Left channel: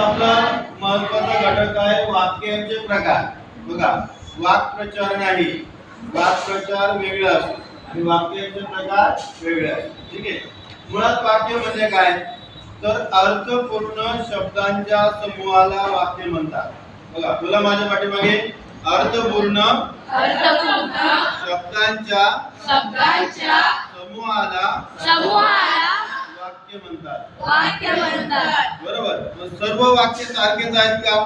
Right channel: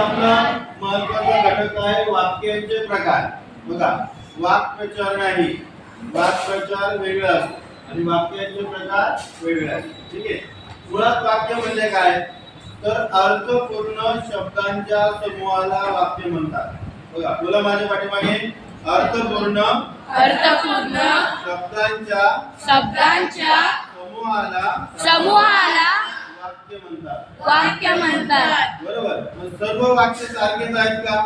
आपला महत्त्वाचा घटक आहे वाक्यांचे प्रकार. बघा, वाक्प्रचार नाही, वाक्प्रचार वेगळा असतो आणि वाक्यांचे प्रकार वेगळे असतात. ठीक आहे. मुळात वाक्य म्हणजे काय, तर अर्थपूर्ण शब्दांच्या समूहाला वाक्य म्हणतात. बघा, तुला माझ्या पाठीमागे अर्थपूर्ण शब्दांच्या समूहाला वाक्य म्हणतात. बरोबर. मग सर्व वाक्य सारखेच आहेत का?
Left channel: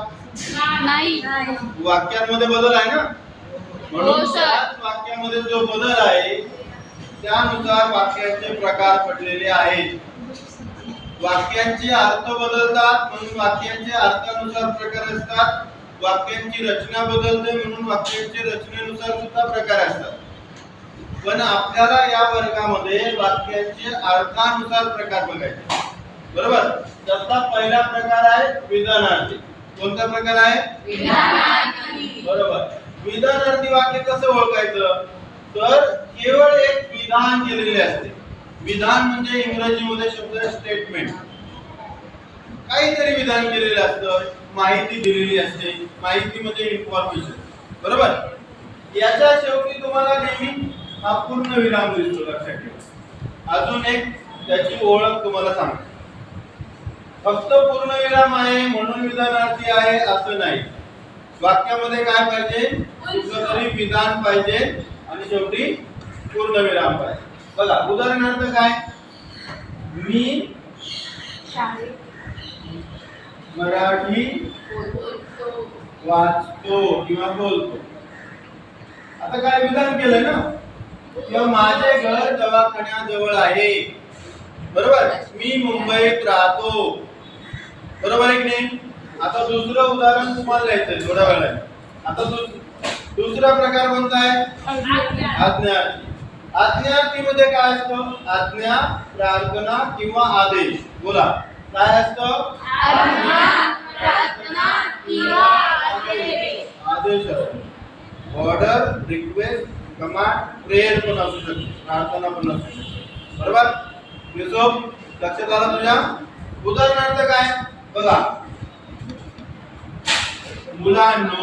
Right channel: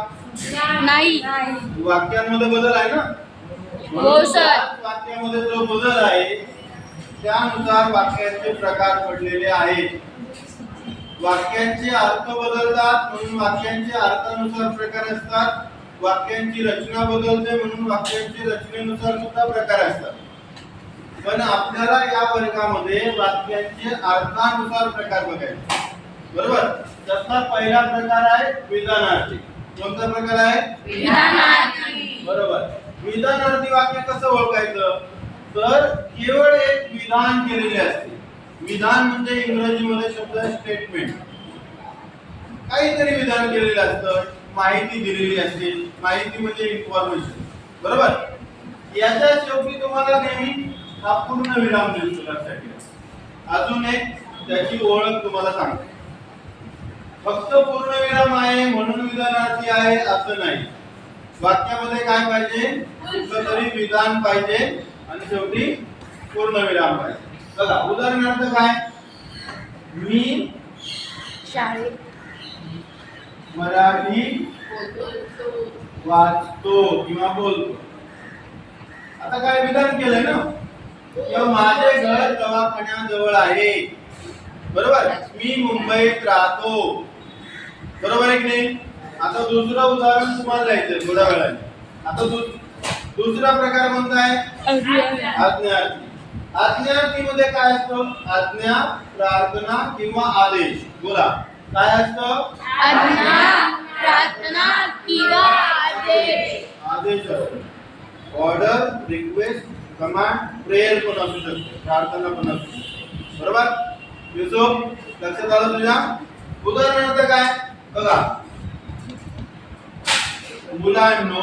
नाही. वाक्यांमध्ये बदल आहे ना. म्हणून वाक्यामध्ये जो बदल आहे त्यानुसार वाक्याचे प्रकार पडलेले आहेत. वाक्यांचे अर्थ बदलतात म्हणून वाक्यांचे अर्थानुसार प्रकार असतात. वाक्यांची रचना बदलते म्हणून वाक्यांच्या रचनेनुसार सुद्धा प्रकार असतात. पण आपल्याला या वर्गामध्ये वाक्यांचे अर्थानुसार प्रकार बघायचे. बरोबर. त्याचा पहिला प्रकार आहे विधानार्थी. कोणता प्रकार आहे? विधानार्थी. बरोबर. विधानार्थी वाक्य कसं ओळखायचं, तर केवळ एक विधान केलेले असते. विधान म्हणजे इंग्रजीमध्ये शब्द आहे स्टेटमेंट. काहीतरी विधान केलेलं असतं, माहिती दिलेली असते. माहिती म्हणजे इन्फॉर्मेशन. बरोबर. याच्या शेवटी तुम्हाला नेहमी हा पूर्ण विराम दिसतो, लक्षात ठेवा. अजून एक त्याची ओळख तुम्हाला सांगतो. फक्त पूर्ण विराम आहे म्हणून विधानार्थी आहे असं नाही. वाक्यामध्ये काय पाहिजे, कुठलंतरी विधान पाहिजे आणि शेवटी पूर्ण विराम पाहिजे. बघा, उदाहरणार्थ काय, मी शाळेत मराठी वाचतो किंवा बोलतो. आता काय विधान केलंय ना, किंवा माझे घर दवाखान्याजवळ आहे. बरोबर. मी मुंबईत राहतो. बरोबर आहे की नाही. आता दुसरं उदाहरण तुम्हाला लिहायचंय थोड्या वेळाने. आता दुसरा प्रकार कोणता आहे? आज्ञार्थी. आज्ञार्थी मध्ये काय असतं, आज्ञा, प्रार्थना किंवा आदेश. बोला, काय असतं? आज्ञा, प्रार्थना किंवा आदेश. आदेश असतो. ऑर्डर, रिक्वेस्ट, कमांड, प्रेयर पण असू शकते, प्रार्थना पण असू शकते. बरोबर. युसुफ, लक्षात आलं तुझ्या? उदाहरणार्थ काय, बघा, मुलांनो